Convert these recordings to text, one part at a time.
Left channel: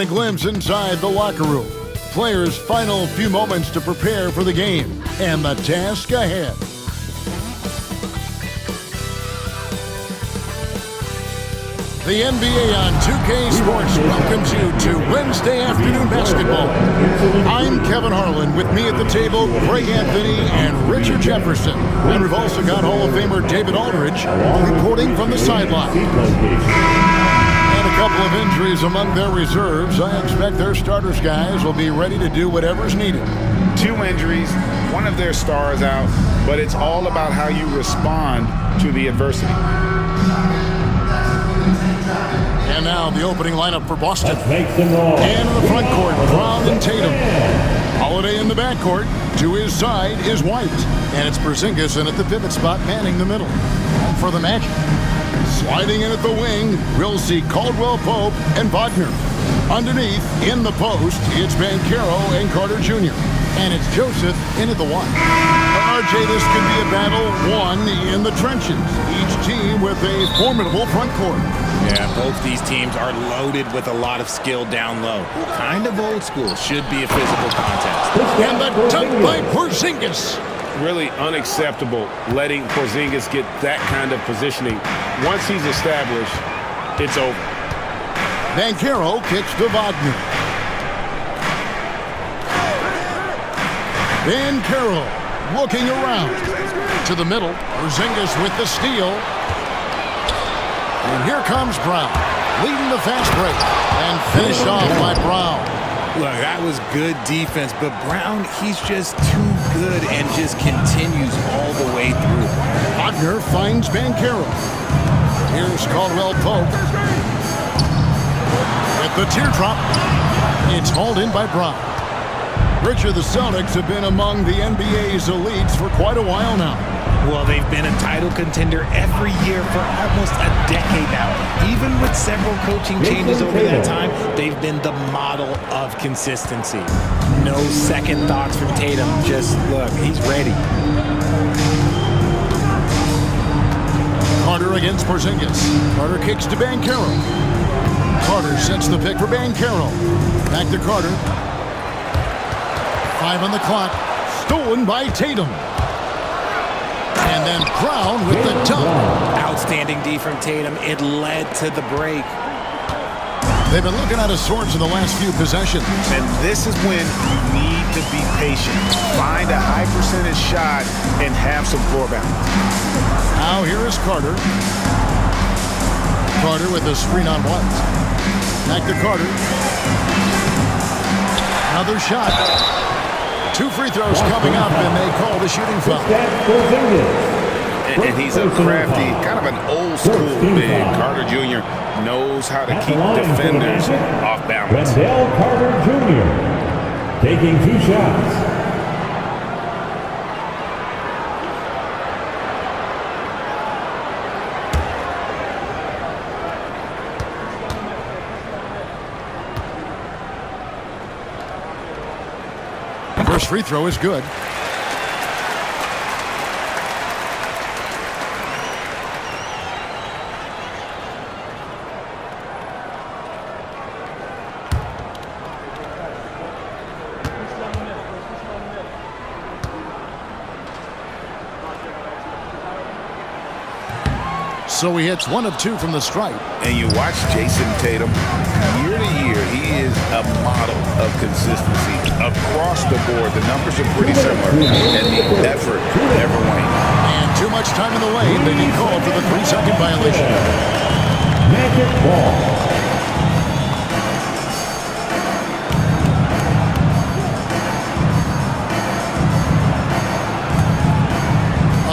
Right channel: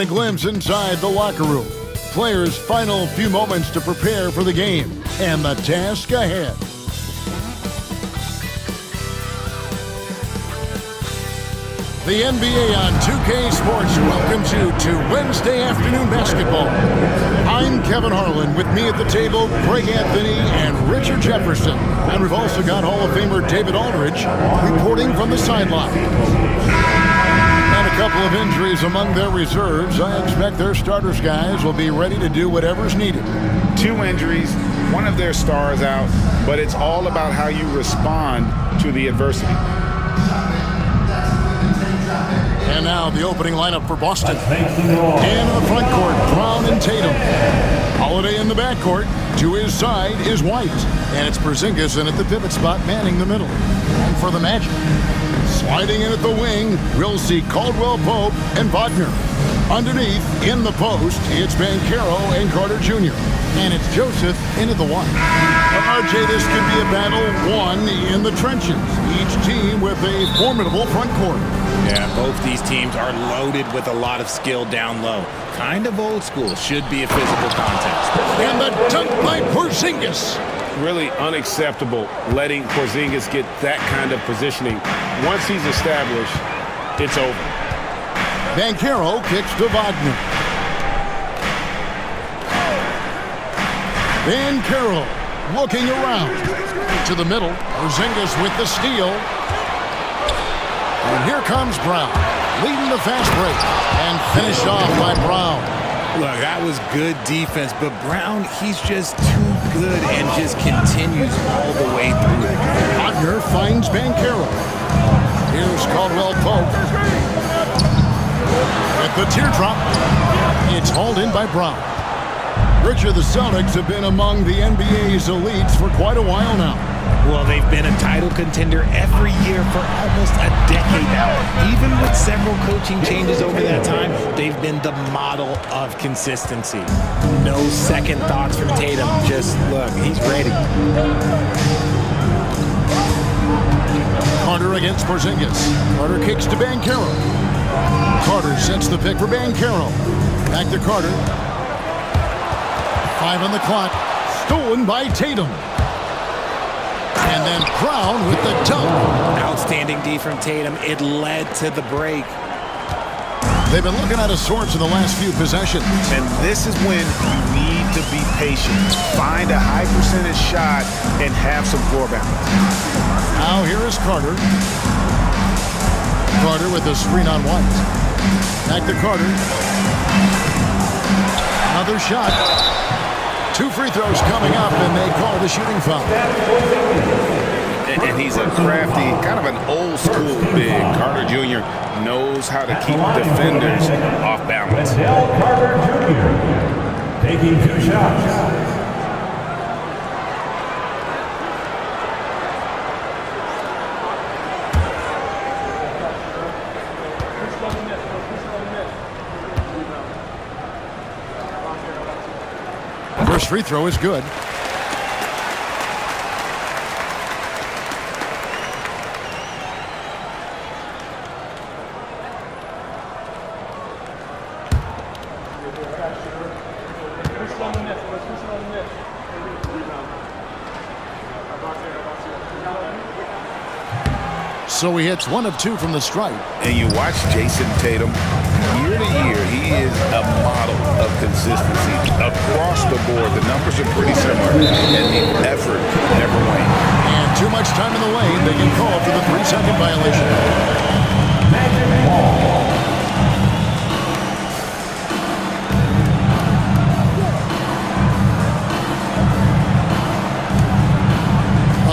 A glimpse inside the locker room. Players' final few moments to prepare for the game and the task ahead. The NBA on 2K Sports welcomes you to Wednesday afternoon basketball. I'm Kevin Harlan. With me at the table, Greg Anthony and Richard Jefferson. And we've also got Hall of Famer David Aldridge reporting from the sideline. And a couple of injuries among their reserves. I expect their starters guys will be ready to do whatever's needed. 2 injuries, one of their stars out, but it's all about how you respond to the adversity. And now the opening lineup for Boston. And in the front court, Brown and Tatum. Holiday in the backcourt. To his side is White. And it's Porzingis in at the pivot spot, manning the middle. And for the Magic, sliding in at the wing, we'll see Caldwell-Pope and Wagner. Underneath, in the post, it's Banchero and Carter Jr. And it's Joseph in at the 1. RJ, this could be a battle won in the trenches. Each team with a formidable front court. Yeah, both these teams are loaded with a lot of skill down low. Kind of old school. Should be a physical contest. And the dunk by Porzingis. Really unacceptable letting Porzingis get that kind of positioning. Once he's established, it's over. Banchero kicks to Wagner. Banchero looking around. To the middle. Porzingis with the steal. And here comes Brown, leading the fast break, and finished off by Brown. Look, that was good defense, but Brown, he's just too good and just continues all the way through it. Wagner finds Banchero. Here's Caldwell-Pope. With the teardrop, it's hauled in by Brown. Richard, the Celtics have been among the NBA's elites for quite a while now. Well, they've been a title contender every year for almost a decade now. Even with several coaching changes over that time, they've been the model of consistency. No second thoughts from Tatum. Just look, he's ready. Carter against Porzingis. Carter kicks to Banchero. Carter sets the pick for Banchero. Back to Carter. 5 on the clock. Stolen by Tatum. And then Brown with the dunk. Outstanding D from Tatum. It led to the break. They've been looking out of sorts in the last few possessions. And this is when you need to be patient. Find a high percentage shot and have some floor balance. Now here is Carter. Carter with the screen on White. Back to Carter. Another shot. 2 free throws coming up, and they call the shooting foul. And he's a crafty, kind of an old school big. Carter Jr. knows how to keep defenders off balance. Carter Jr. taking 2 shots. First free throw is good. So he hits 1 of 2 from the stripe. And you watch Jason Tatum, year to year, he is a model of consistency. Across the board, the numbers are pretty similar, and the effort never wanes. And too much time in the lane, they can call for the 3-second violation. Magic ball.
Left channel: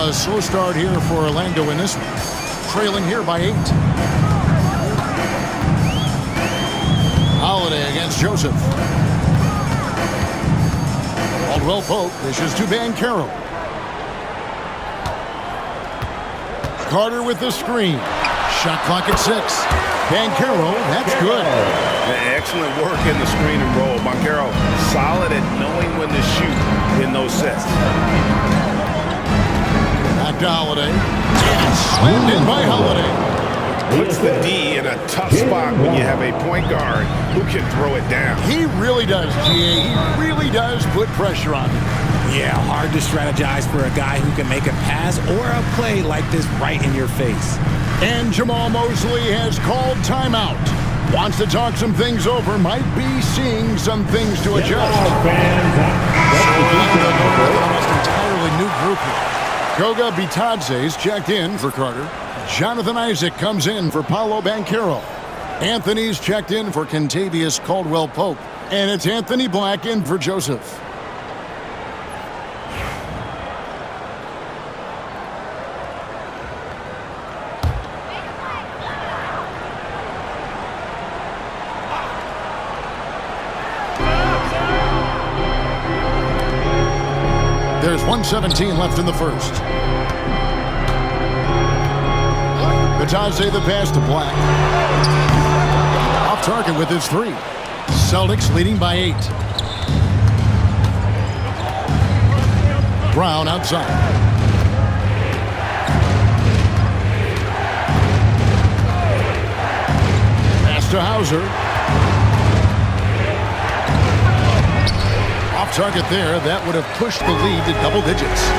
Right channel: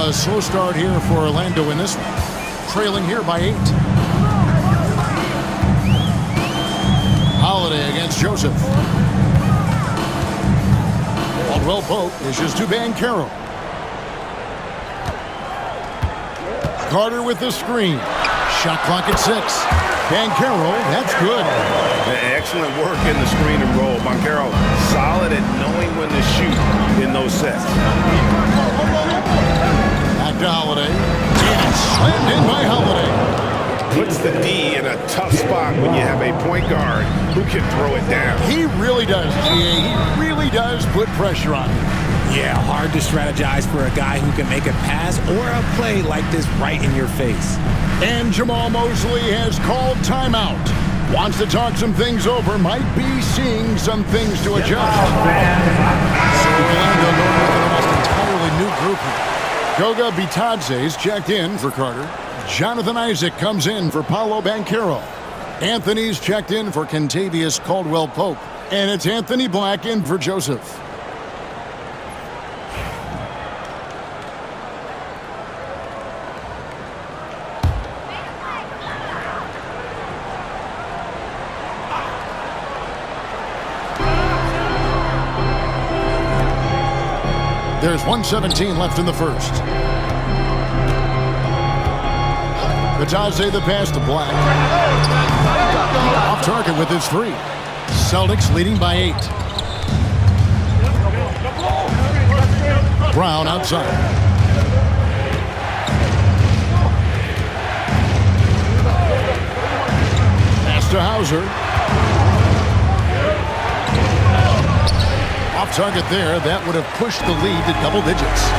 A slow start here for Orlando in this one. Trailing here by 8. Holiday against Joseph. Caldwell-Pope dishes to Banchero. Carter with the screen. Shot clock at 6. Banchero, that's good. Excellent work in the screen and roll. Banchero solid at knowing when to shoot in those sets. Back to Holiday. And slammed in by Holiday. puts the D in a tough spot when you have a point guard who can throw it down. He really does, GA. He really does put pressure on him. Yeah, hard to strategize for a guy who can make a pass or a play like this right in your face. And Jamal Mosley has called timeout. Wants to talk some things over, might be seeing some things to adjust. So Orlando going with an almost entirely new group here. Goga Bitadze's checked in for Carter. Jonathan Isaac comes in for Paolo Banchero. Anthony's checked in for Kentavious Caldwell-Pope. And it's Anthony Black in for Joseph. There's 1:17 left in the first. Bitadze the pass to Black. Off target with his three. Celtics leading by 8. Brown outside. Pass to Hauser. Off target there. That would have pushed the lead to double digits.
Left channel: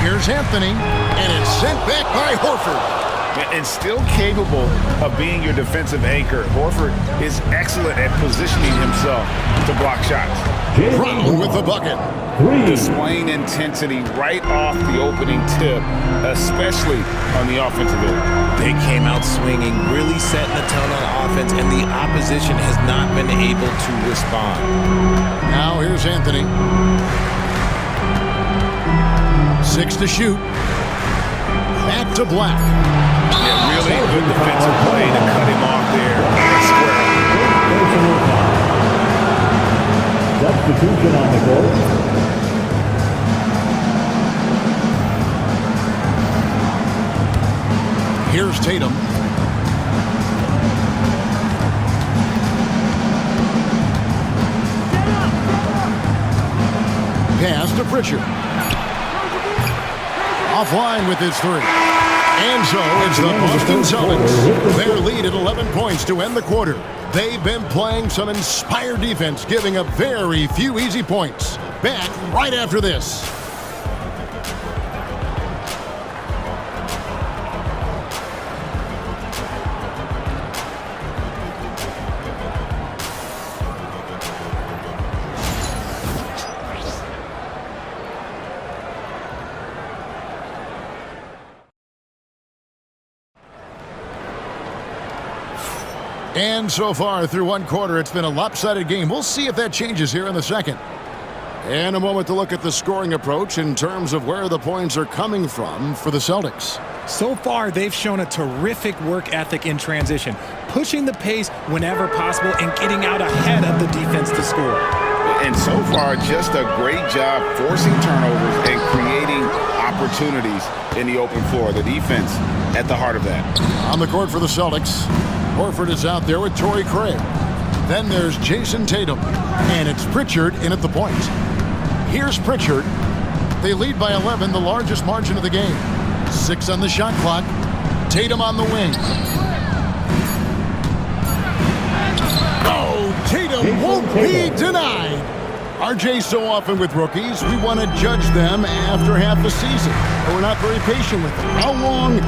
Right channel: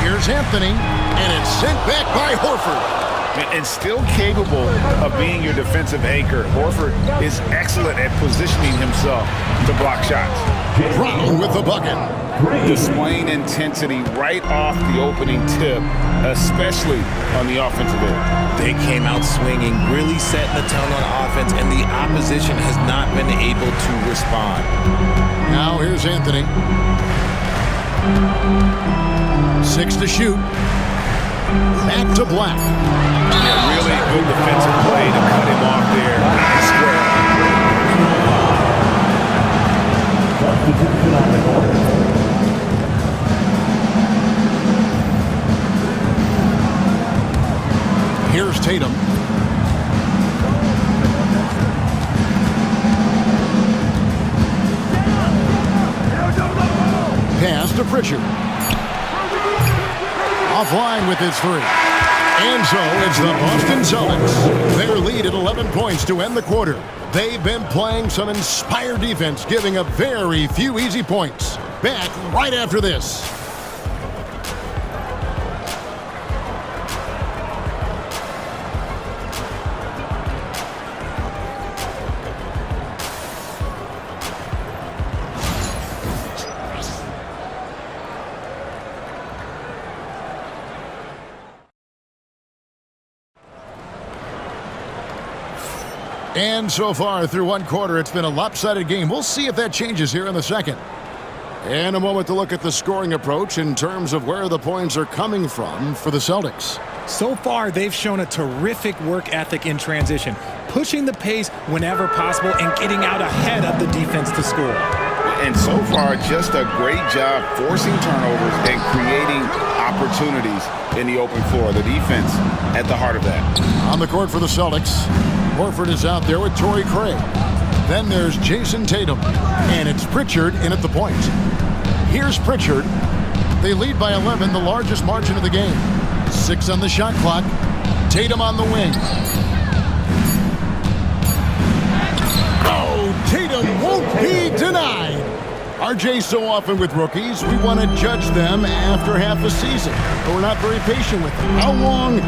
Here's Anthony, and it's sent back by Horford. And still capable of being your defensive anchor. Horford is excellent at positioning himself to block shots. Brown with the bucket. Displaying intensity right off the opening tip, especially on the offensive end. They came out swinging, really setting the tone on offense, and the opposition has not been able to respond. Now here's Anthony. 6 to shoot. Back to Black. Yeah, really good defensive play to cut him off there and square up. Substitution on the court. Here's Tatum. Pass to Pritchard. Offline with his three. And so it's the Boston Celtics. Their lead at 11 points to end the quarter. They've been playing some inspired defense, giving up very few easy points. Back right after this. And so far through one quarter, it's been a lopsided game. We'll see if that changes here in the second. And a moment to look at the scoring approach in terms of where the points are coming from for the Celtics. So far, they've shown a terrific work ethic in transition, pushing the pace whenever possible and getting out ahead of the defense to score. And so far, just a great job forcing turnovers and creating opportunities in the open floor. The defense at the heart of that. On the court for the Celtics, Horford is out there with Torrey Craig. Then there's Jason Tatum, and it's Pritchard in at the point. Here's Pritchard. They lead by 11, the largest margin of the game. 6 on the shot clock. Tatum on the wing. Oh, Tatum won't be denied. RJ, so often with rookies, we want to judge them after half a season, but we're not very patient with them. How long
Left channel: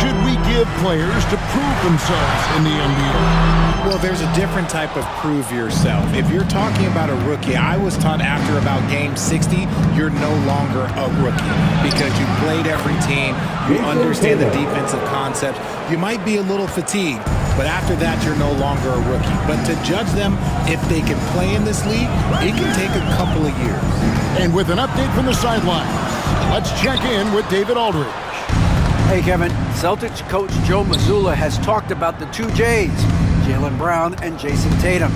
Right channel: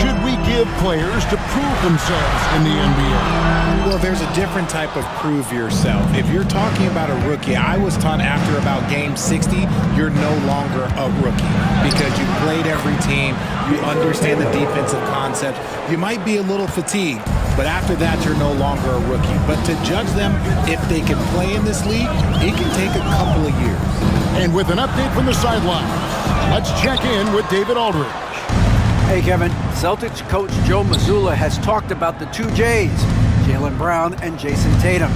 should we give players to prove themselves in the NBA? Well, there's a different type of prove yourself. If you're talking about a rookie, I was taught after about game 60, you're no longer a rookie because you played every team, you understand the defensive concepts, you might be a little fatigued, but after that, you're no longer a rookie. But to judge them if they can play in this league, it can take a couple of years. And with an update from the sidelines, let's check in with David Aldridge. Hey, Kevin. Celtics coach Joe Mazzulla has talked about the two J's, Jaylen Brown and Jason Tatum.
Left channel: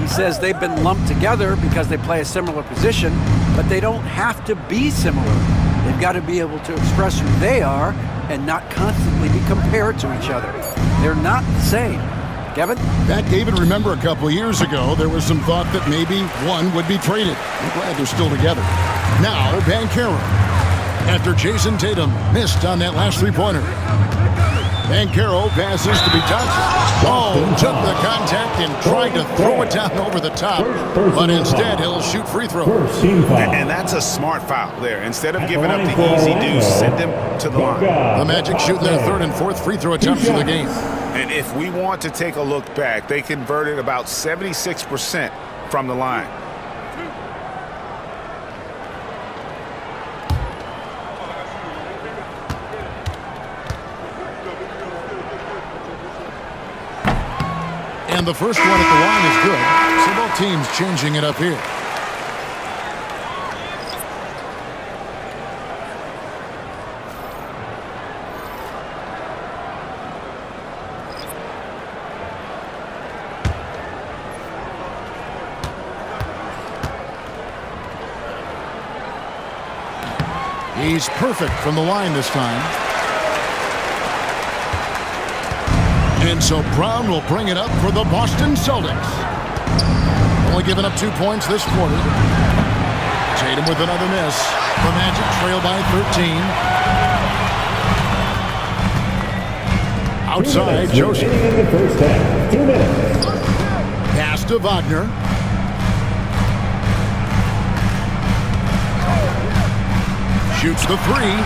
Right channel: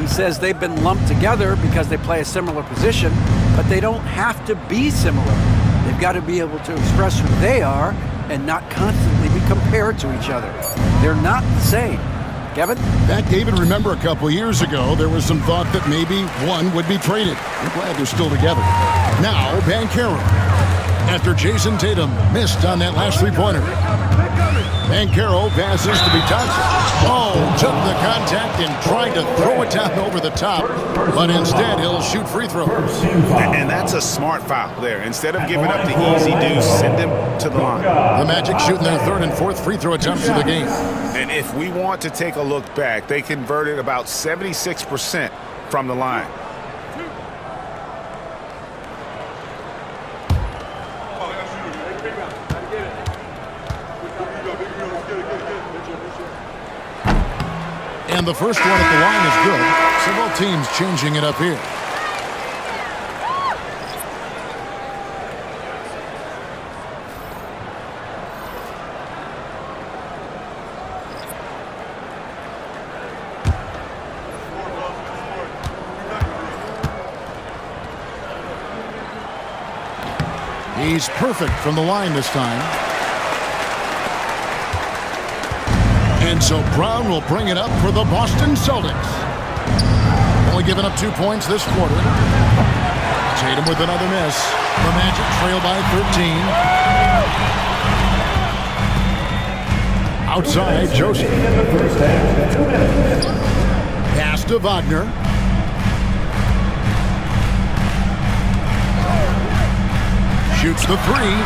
He says they've been lumped together because they play a similar position, but they don't have to be similar. They've got to be able to express who they are and not constantly be compared to each other. They're not the same. Kevin? Back, David, remember a couple years ago, there was some thought that maybe one would be traded. I'm glad they're still together. Now, Banchero. After Jason Tatum missed on that last three-pointer. Banchero passes to Tatum. Oh, took the contact and tried to throw it down over the top. But instead, he'll shoot free throw. And that's a smart foul there. Instead of giving up the easy deuce, send him to the line. The Magic shooting their third and fourth free throw attempts of the game. And if we want to take a look back, they converted about 76% from the line. And the first one at the line is good. So both teams changing it up here. He's perfect from the line this time. And so Brown will bring it up for the Boston Celtics. Only giving up 2 points this quarter. Tatum with another miss. The Magic trail by 13. Outside, Joseph. In the first half, 2 minutes. Pass to Wagner. Shoots the three.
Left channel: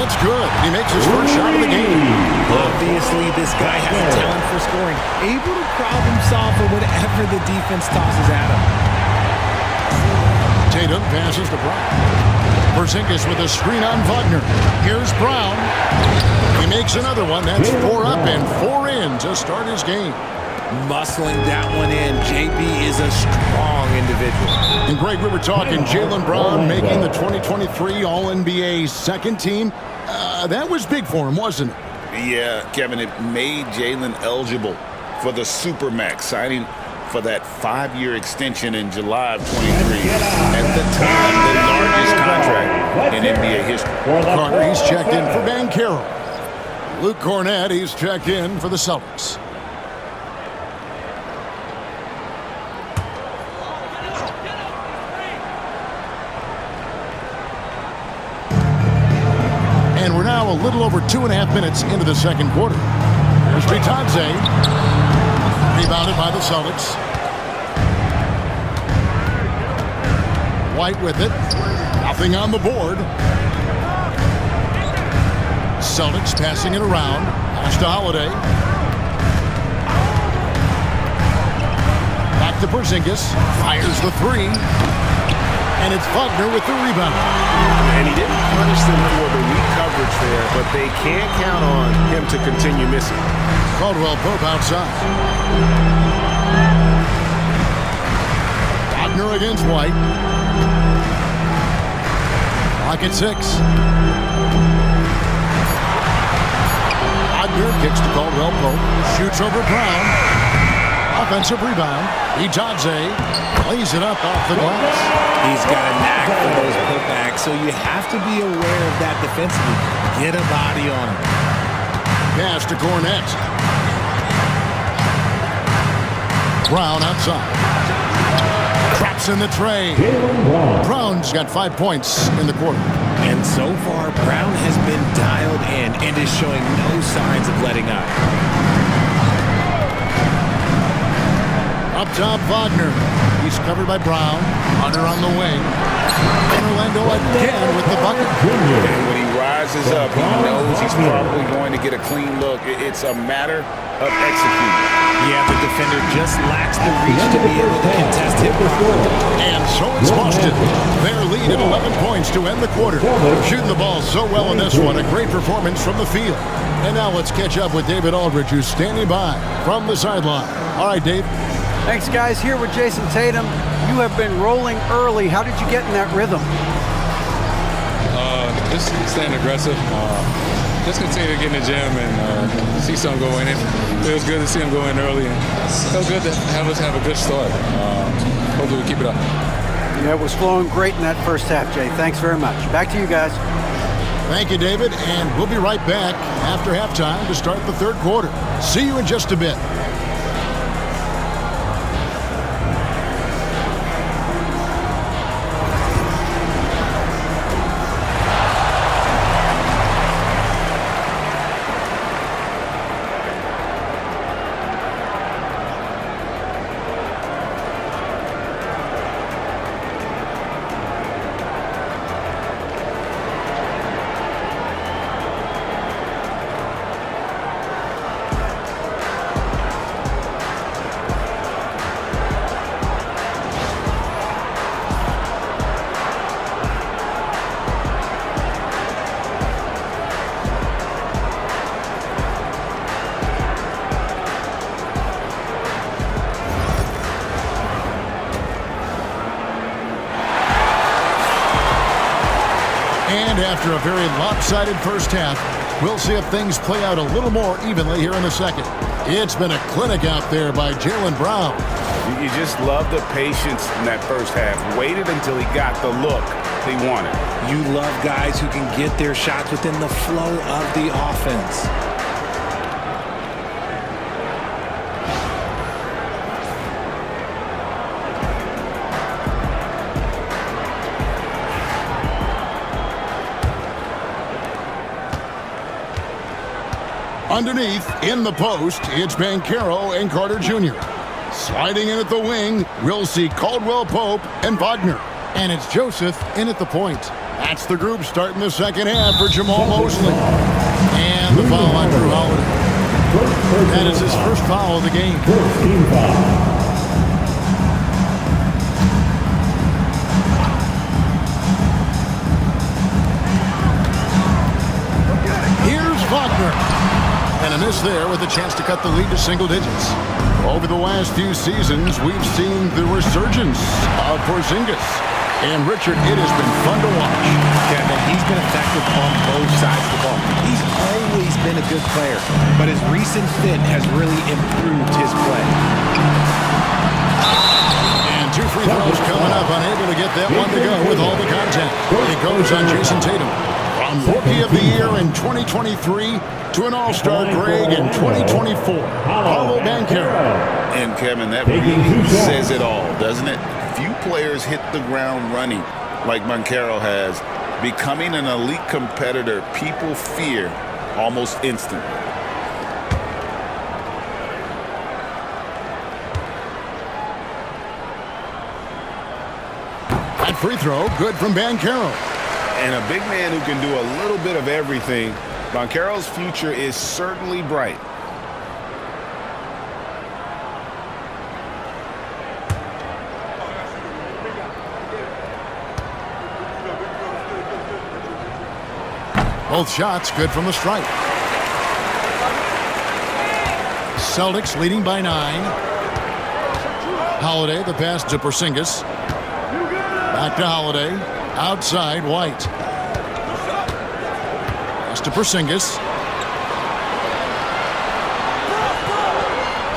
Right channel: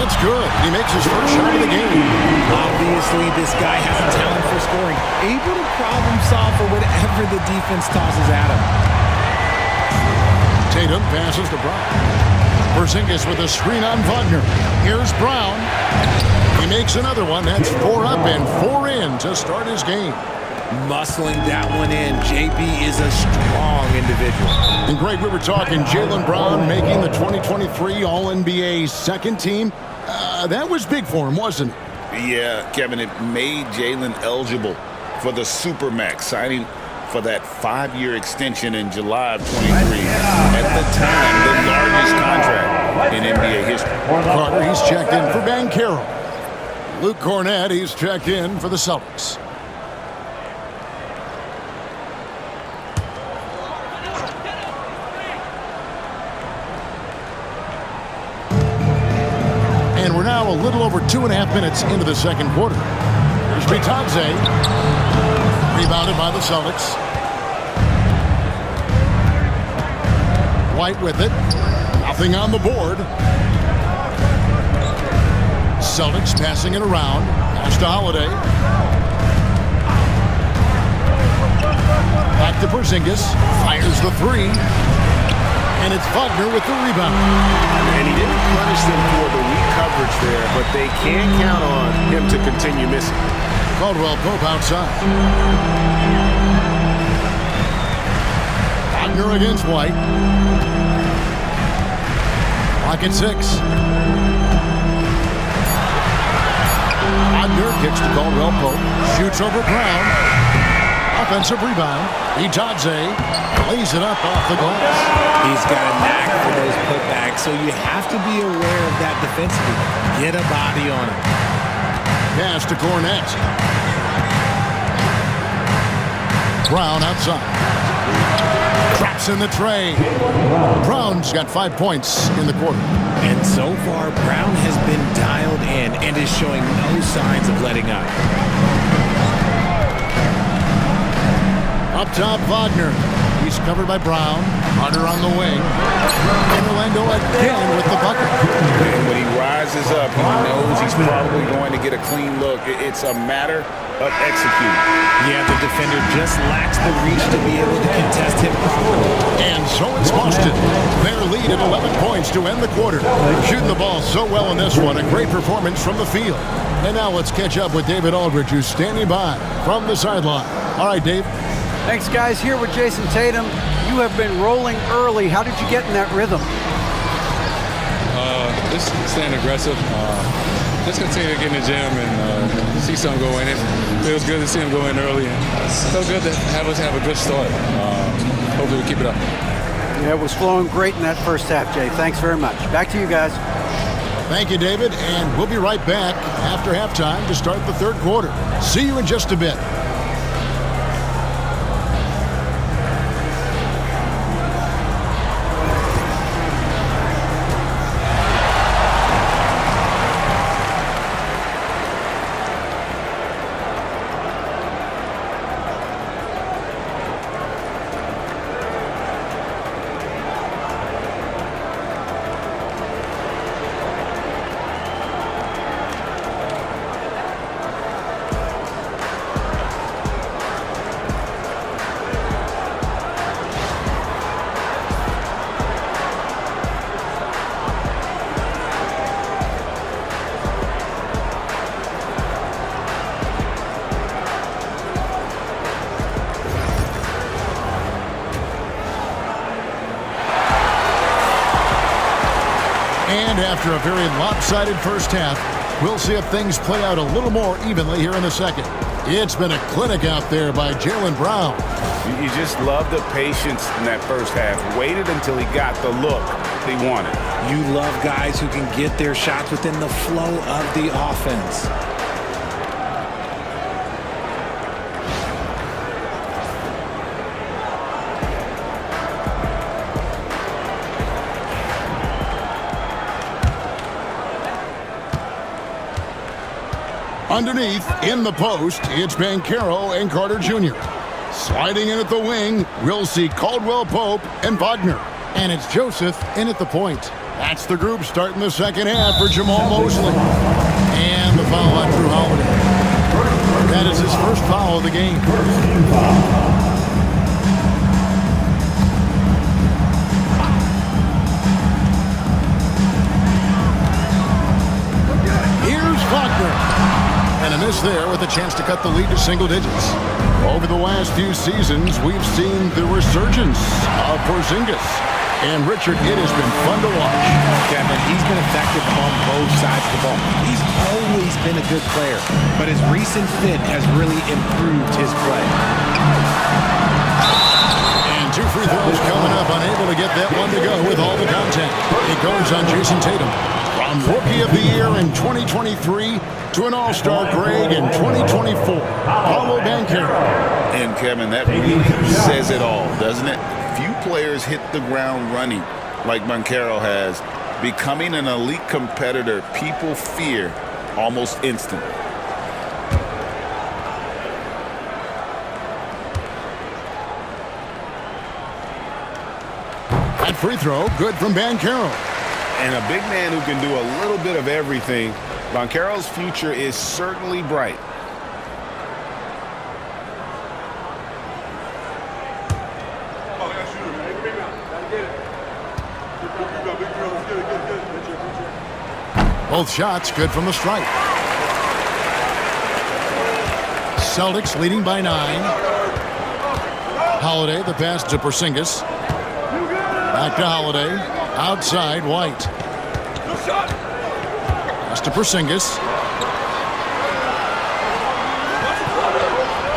It's good. He makes his first shot of the game. Obviously, this guy has a talent for scoring. Able to problem solve for whatever the defense tosses at him. Tatum passes to Brown. Porzingis with a screen on Wagner. Here's Brown. He makes another one. That's 4 up and 4 in to start his game. Muscling that one in. JB is a strong individual. And Greg, we were talking Jaylen Brown making the 2023 All-NBA second team. That was big for him, wasn't it? Yeah, Kevin, it made Jaylen eligible for the Supermax, signing for that 5-year extension in July of 23. At the time, the largest contract in NBA history. Carter, he's checked in for Banchero. Luke Cornett, he's checked in for the Celtics. And we're now a little over 2.5 minutes into the second quarter. Here's Bitadze. Rebounded by the Celtics. White with it. Nothing on the board. Celtics passing it around. Pass to Holiday. Back to Porzingis. Fires the three. And it's Wagner with the rebound. And he didn't punish them for the weak coverage there, but they can't count on him to continue missing. Caldwell Pope outside. Wagner against White. Clock at 6. Wagner kicks to Caldwell Pope. Shoots over Brown. Offensive rebound. Bitadze lays it up off the glass. He's got a knack for those putbacks, so you have to be aware of that defensively. Get a body on him. Pass to Cornett. Brown outside. Traps in the tray. Brown's got 5 points in the quarter. And so far, Brown has been dialed in and is showing no signs of letting up. Up top, Wagner. He's covered by Brown. Hunter on the wing. And Orlando again with the bucket. And when he rises up, he knows he's probably going to get a clean look. It's a matter of executing. Yeah, the defender just lacks the reach to be able to contest him properly. And so it's Boston. Their lead at 11 points to end the quarter. Shooting the ball so well in this one. A great performance from the field. And now let's catch up with David Aldridge, who's standing by from the sideline. All right, Dave. Thanks, guys. Here with Jason Tatum. You have been rolling early. How did you get in that rhythm? Just staying aggressive. Just continue to get in the gym and see something go in. It feels good to see him go in early. And it feels good to have us have a good start. Hopefully we keep it up. Yeah, it was flowing great in that first half, Jay. Thanks very much. Back to you guys. Thank you, David. And we'll be right back after halftime to start the third quarter. See you in just a bit. And after a very lopsided first half, we'll see if things play out a little more evenly here in the second. It's been a clinic out there by Jaylen Brown. You just love the patience in that first half. Waited until he got the look he wanted. You love guys who can get their shots within the flow of the offense. Underneath, in the post, it's Banchero and Carter Jr. Sliding in at the wing, we'll see Caldwell Pope and Wagner. And it's Joseph in at the point. That's the group starting the second half for Jamal Mosley. And the foul on Drew Holiday. That is his first foul of the game. First team foul. Here's Wagner. And a miss there with a chance to cut the lead to single digits. Over the last few seasons, we've seen the resurgence of Porzingis. And Richard, it has been fun to watch. Kevin, he's been effective on both sides of the ball. He's always been a good player, but his recent fit has really improved his play. And 2 free throws coming up, unable to get that one to go with all the contact. It goes on Jason Tatum. From Rookie of the Year in 2023 to an All-Star grade in 2024, Paolo Banchero. And Kevin, that really says it all, doesn't it? Few players hit the ground running like Banchero has. Becoming an elite competitor, people fear almost instantly. That free throw, good from Banchero. And a big man who can do a little bit of everything. Banchero's future is certainly bright. Both shots good from the stripe. Celtics leading by 9. Holiday, the pass to Porzingis. Back to Holiday. Outside, White. Pass to Porzingis.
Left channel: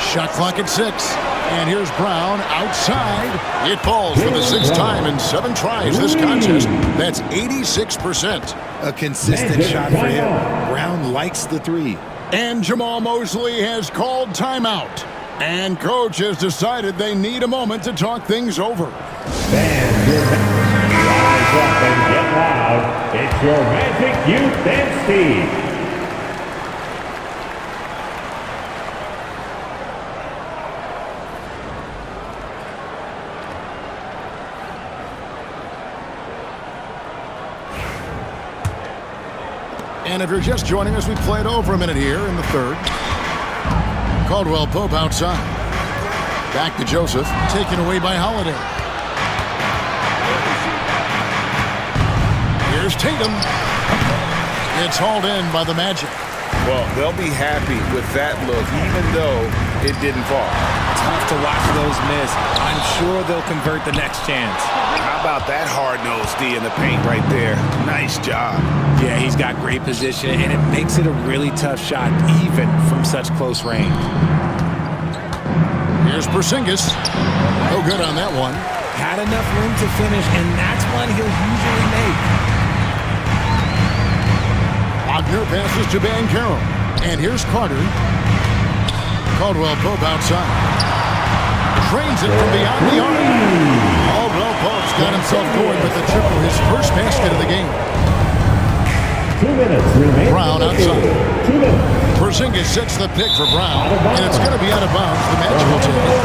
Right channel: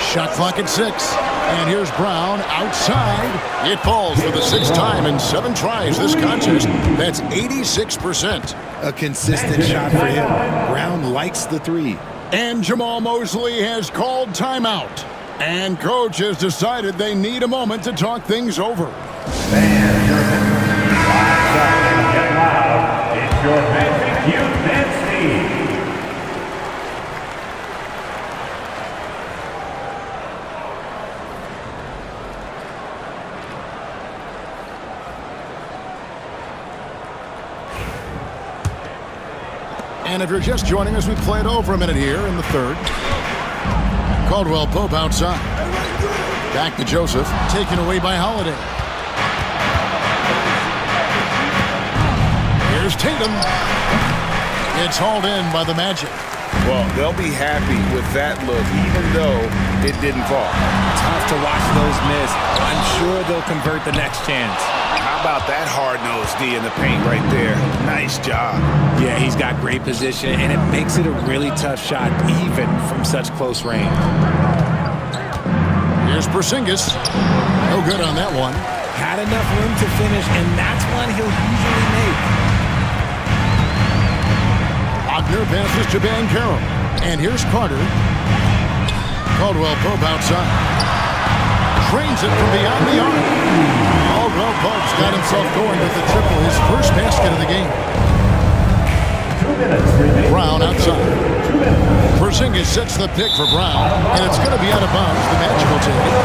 Shot clock at 6. And here's Brown outside. It falls for the 6th time in 7 tries this contest. That's 86%. A consistent shot for him. Brown likes the 3. And Jamal Mosley has called timeout. And coach has decided they need a moment to talk things over. Fans, rise up and get loud. It's your Magic Youth Dance Team. And if you're just joining us, we played over a minute here in the 3rd. Caldwell Pope outside. Back to Joseph, taken away by Holiday. Here's Tatum. It's hauled in by the Magic. Well, they'll be happy with that look, even though it didn't fall. Tough to watch those miss. I'm sure they'll convert the next chance. How about that hard-nosed D in the paint right there? Nice job. Yeah, he's got great position, and it makes it a really tough shot, even from such close range. Here's Porzingis. No good on that one. Had enough room to finish, and that's one he'll usually make. Wagner passes to Banchero. And here's Carter. Caldwell Pope outside. Trains it from beyond the arc. Caldwell Pope's got himself going with the triple, his first basket of the game. 2 minutes remaining. Brown outside. 2 minutes. Porzingis sets the pick for Brown, and it's going to be out of bounds. The Magic will take it.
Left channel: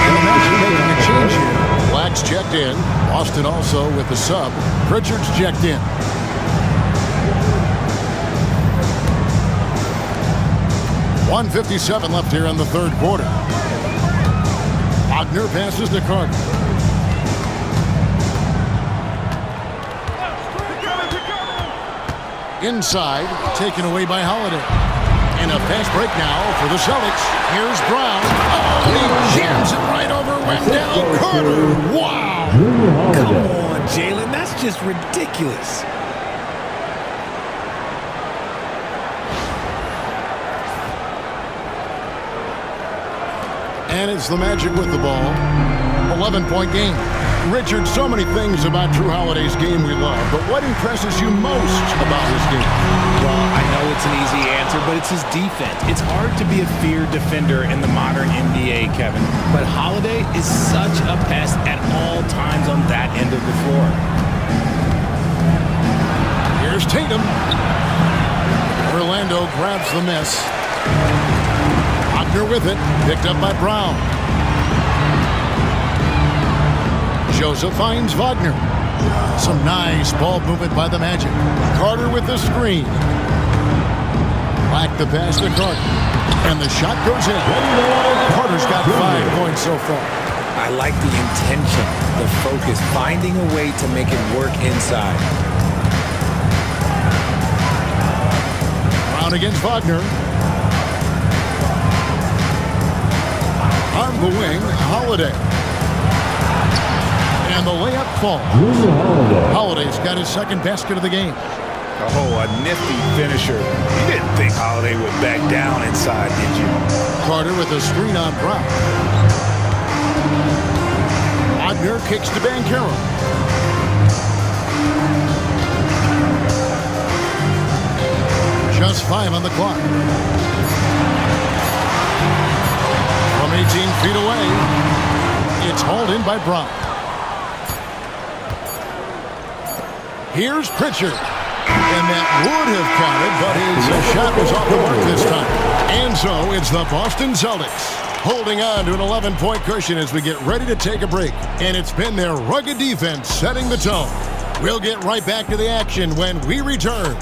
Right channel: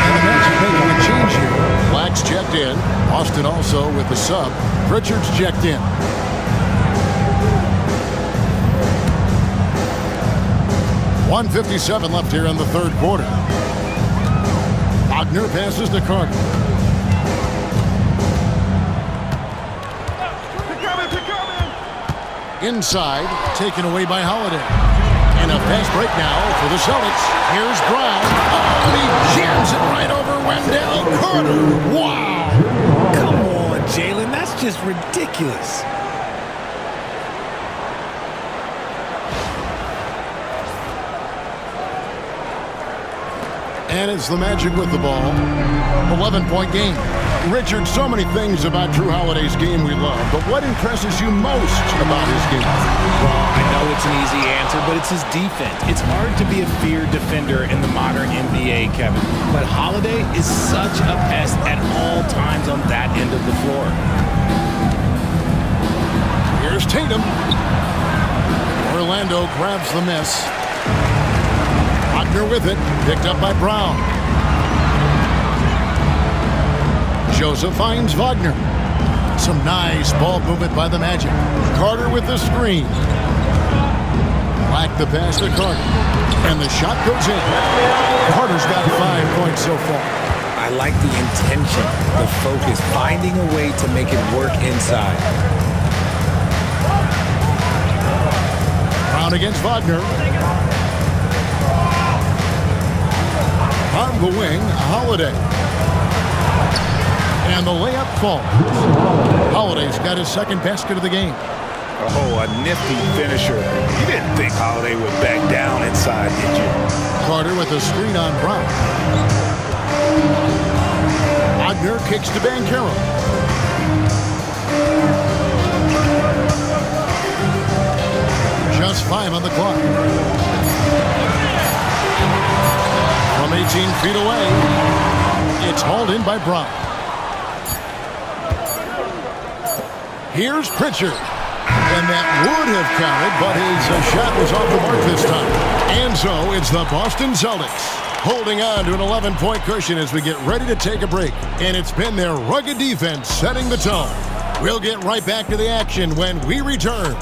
And the Magic making a change here. Black's checked in. Boston also with the sub. Pritchard's checked in. .157 left here in the 3rd quarter. Wagner passes to Carter. Inside, taken away by Holiday. And a fast break now for the Celtics. Here's Brown. Oh, and he jams it right over Wendell. Carter. Wow. Come on, Jaylen. That's just ridiculous. And it's the Magic with the ball. 11-point game. Richard, so many things about Drew Holiday's game we love, but what impresses you most about his game? Well, I know it's an easy answer, but it's his defense. It's hard to be a feared defender in the modern NBA, Kevin. But Holiday is such a pest at all times on that end of the floor. Here's Tatum. Orlando grabs the miss. Wagner with it, picked up by Brown. Joseph finds Wagner. Some nice ball movement by the Magic. Carter with the screen. Black the pass to Carter. And the shot goes in. Carter's got 5 points so far. I like the intention, the focus, finding a way to make it work inside. Brown against Wagner. On the wing, Holiday. And the layup falls. Holiday's got his second basket of the game. Oh, a nifty finisher. You didn't think Holiday would back down inside, did you? Carter with a screen on Brown. Wagner kicks to Banchero. Just 5 on the clock. From 18 feet away, it's hauled in by Brown. Here's Pritchard. And that would have counted, but his shot was off the mark this time. And so it's the Boston Celtics holding on to an 11-point cushion as we get ready to take a break. And it's been their rugged defense setting the tone. We'll get right back to the action when we return.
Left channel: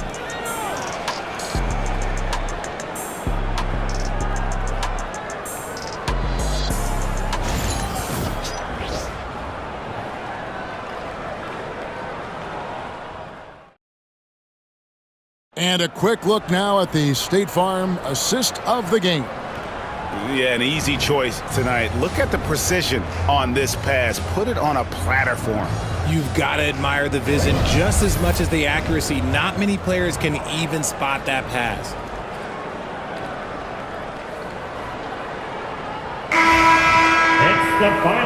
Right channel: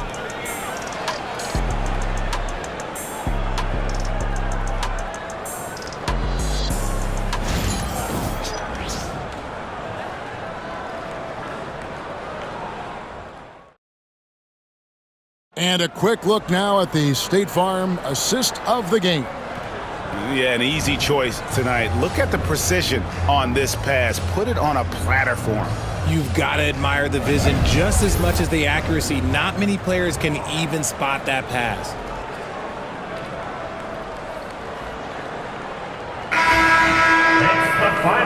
And a quick look now at the State Farm assist of the game. Yeah, an easy choice tonight. Look at the precision on this pass. Put it on a platter for him. You've got to admire the vision just as much as the accuracy. Not many players can even spot that pass.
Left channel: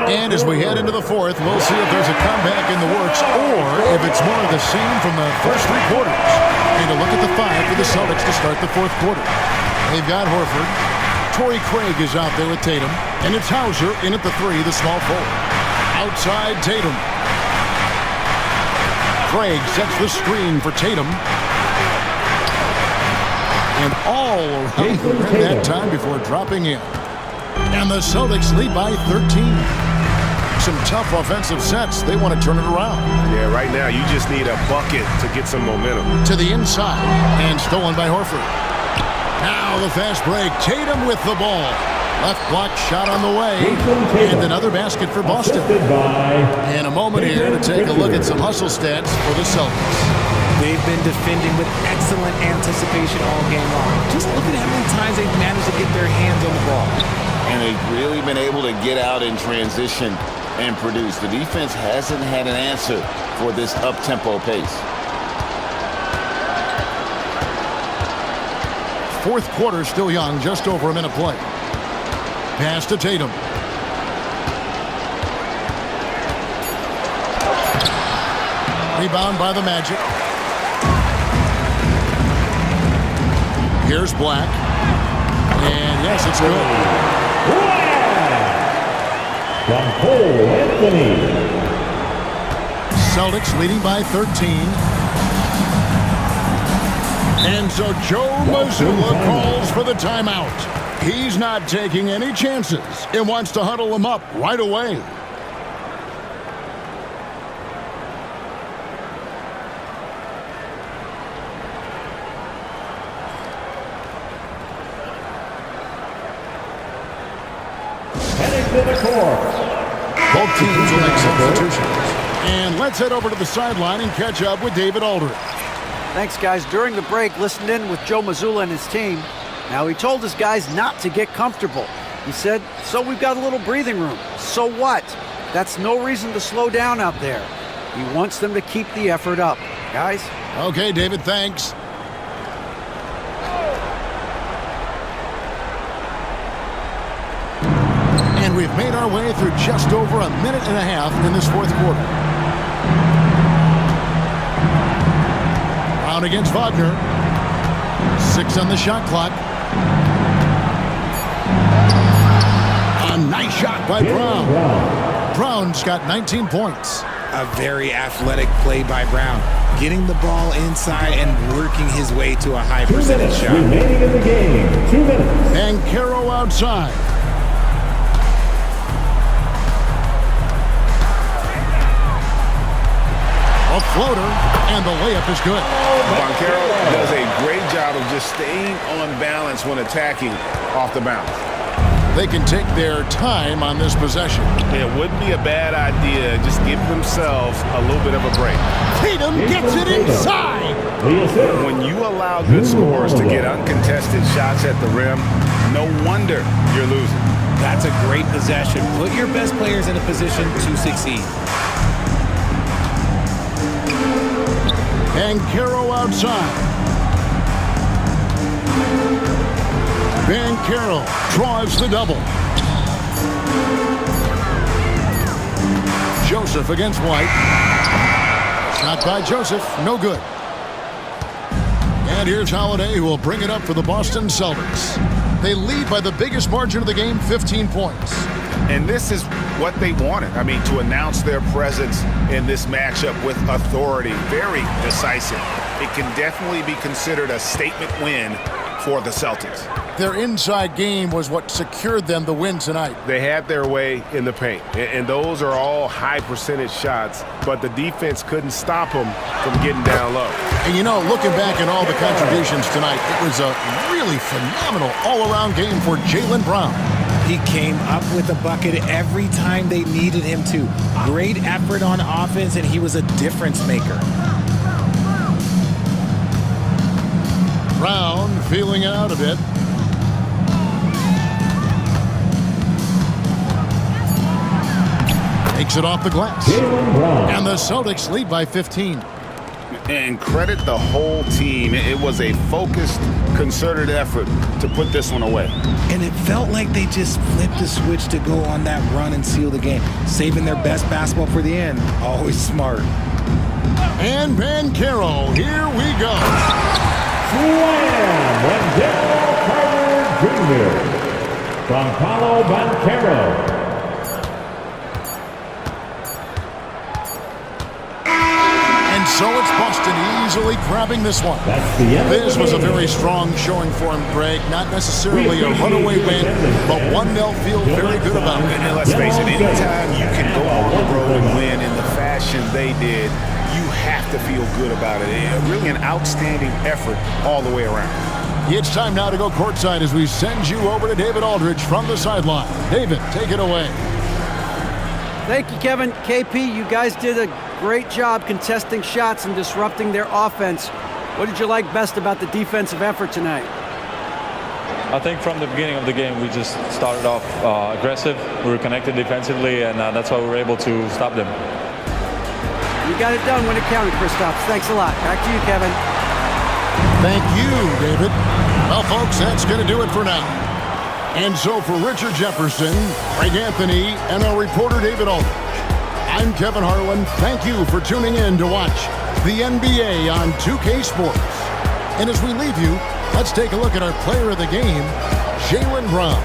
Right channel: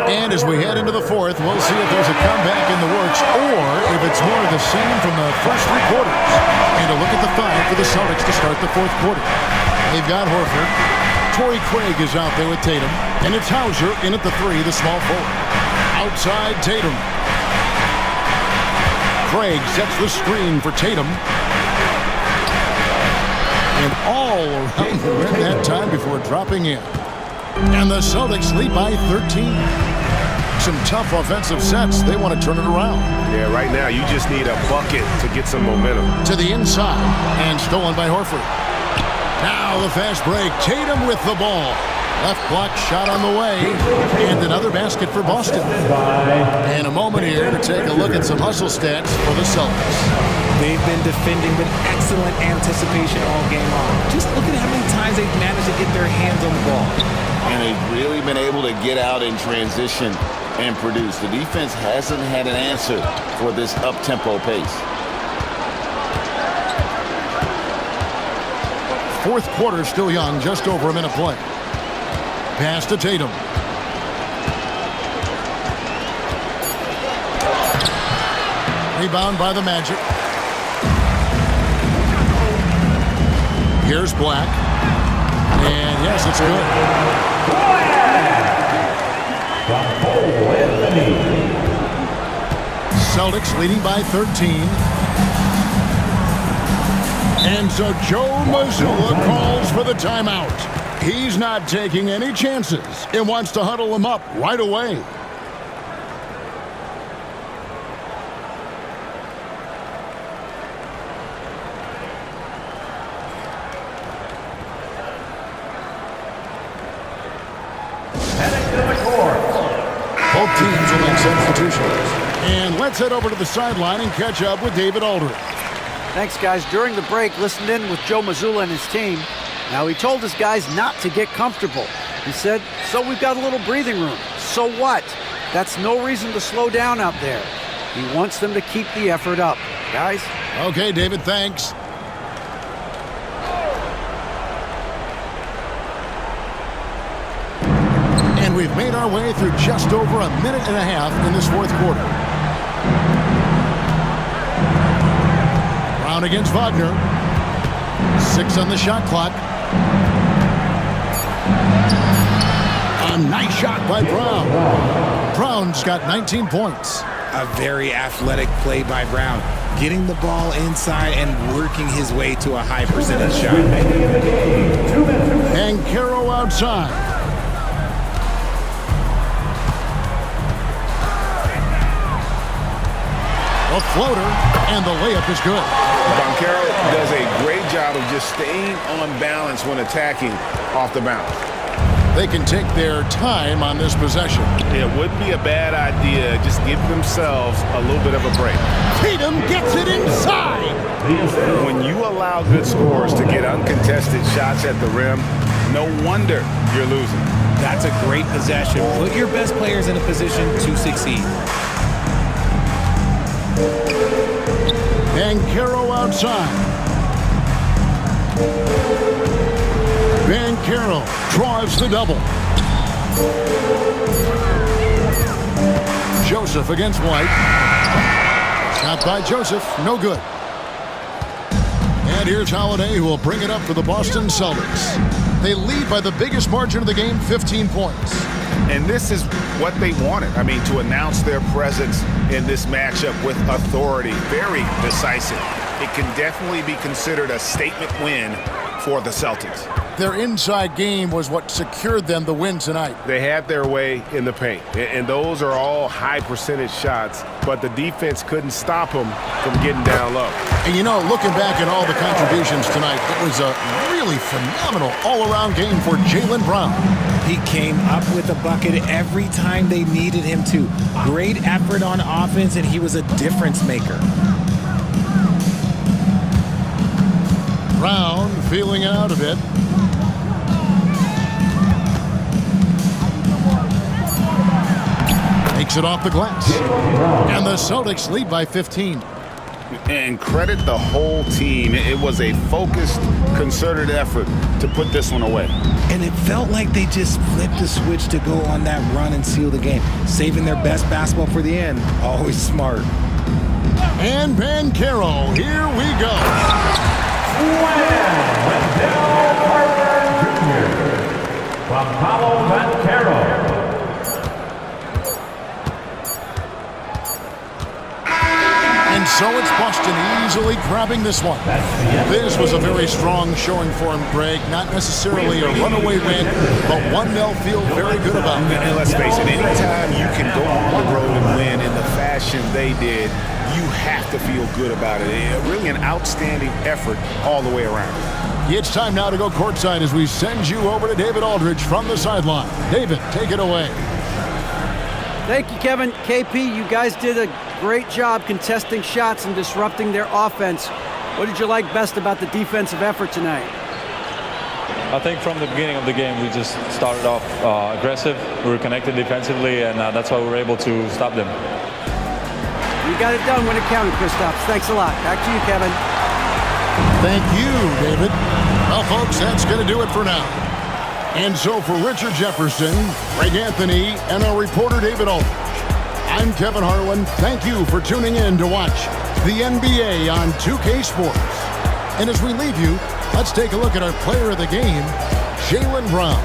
And as we head into the fourth, we'll see if there's a comeback in the works or if it's more of the same from the first 3 quarters. And a look at the 5 for the Celtics to start the fourth quarter. They've got Horford. Torrey Craig is out there with Tatum. And it's Hauser in at the 3, the small forward. Outside Tatum. Craig sets the screen for Tatum. And all around the rim that time before dropping in. And the Celtics lead by 13. Some tough offensive sets. They want to turn it around. Yeah, right now you just need a bucket to get some momentum. To the inside and stolen by Horford. Now the fast break. Tatum with the ball. Left block shot on the way. And another basket for Boston. And a moment here to take a look at some hustle stats for the Celtics. They've been defending with excellent anticipation all game long. Just look at how many times they've managed to get their hands on the ball. And they've really been able to get out in transition and produce. The defense hasn't had an answer for this up-tempo pace. Fourth quarter still young, just over a minute play. Pass to Tatum. Rebound by the Magic. Here's Black. And yes, it's good. From Paolo Anthony. Celtics leading by 13. And so Joe Mazzulla calls for the timeout. He's not taking any chances and wants to huddle them up right away. Both teams will make substitutions. And let's head over to the sideline and catch up with David Aldridge. Thanks, guys. During the break, listened in with Joe Mazzulla and his team. Now, he told his guys not to get comfortable. He said, so we've got a little breathing room. So what? That's no reason to slow down out there. He wants them to keep the effort up. Guys? Okay, David, thanks. And we've made our way through just over a minute and a half in this fourth quarter. Brown against Wagner. 6 on the shot clock. A nice shot by Brown. Brown's got 19 points. A very athletic play by Brown, getting the ball inside and working his way to a high percentage shot. Remaining in the game, 2 minutes. Banchero outside. A floater, and the layup is good. Banchero does a great job of just staying on balance when attacking off the bounce. They can take their time on this possession. It wouldn't be a bad idea. Just give themselves a little bit of a break. Tatum gets it inside. When you allow good scorers to get uncontested shots at the rim, no wonder you're losing. That's a great possession. Put your best players in a position to succeed. Banchero outside. Banchero draws the double. Joseph against White. Shot by Joseph, no good. And here's Holiday, who will bring it up for the Boston Celtics. They lead by the biggest margin of the game, 15 points. And this is what they wanted. I mean, to announce their presence in this matchup with authority. Very decisive. It can definitely be considered a statement win for the Celtics. Their inside game was what secured them the win tonight. They had their way in the paint, and those are all high percentage shots, but the defense couldn't stop them from getting down low. And you know, looking back at all the contributions tonight, it was a really phenomenal all-around game for Jaylen Brown. He came up with a bucket every time they needed him to. Great effort on offense, and he was a difference maker. Brown feeling it out a bit. Takes it off the glass. And the Celtics lead by 15. And credit the whole team. It was a focused, concerted effort to put this one away. And it felt like they just flipped the switch to go on that run and seal the game. Saving their best basketball for the end. Always smart. And Banchero, here we go. Slam! Wendell Carter Jr. from Paolo Banchero. And so it's Boston easily grabbing this one. This was a very strong showing for him, Greg. Not necessarily a runaway win, but one they'll feel very good about. And let's face it, anytime you can go on the road and win in the fashion they did, you have to feel good about it. Really an outstanding effort all the way around. It's time now to go courtside as we send you over to David Aldridge from the sideline. David, take it away. Thank you, Kevin. KP, you guys did a great job contesting shots and disrupting their offense. What did you like best about the defensive effort tonight? I think from the beginning of the game, we just started off aggressive. We were connected defensively, and that's why we were able to stop them. You got it done when it counted, Kristaps. Thanks a lot. Back to you, Kevin. Thank you, David. Well, folks, that's going to do it for now. And so for Richard Jefferson, Greg Anthony, and our reporter David Aldridge, I'm Kevin Harlan. Thank you for tuning in to watch the NBA on 2K Sports. And as we leave you, let's take a look at our player of the game, Jaylen Brown.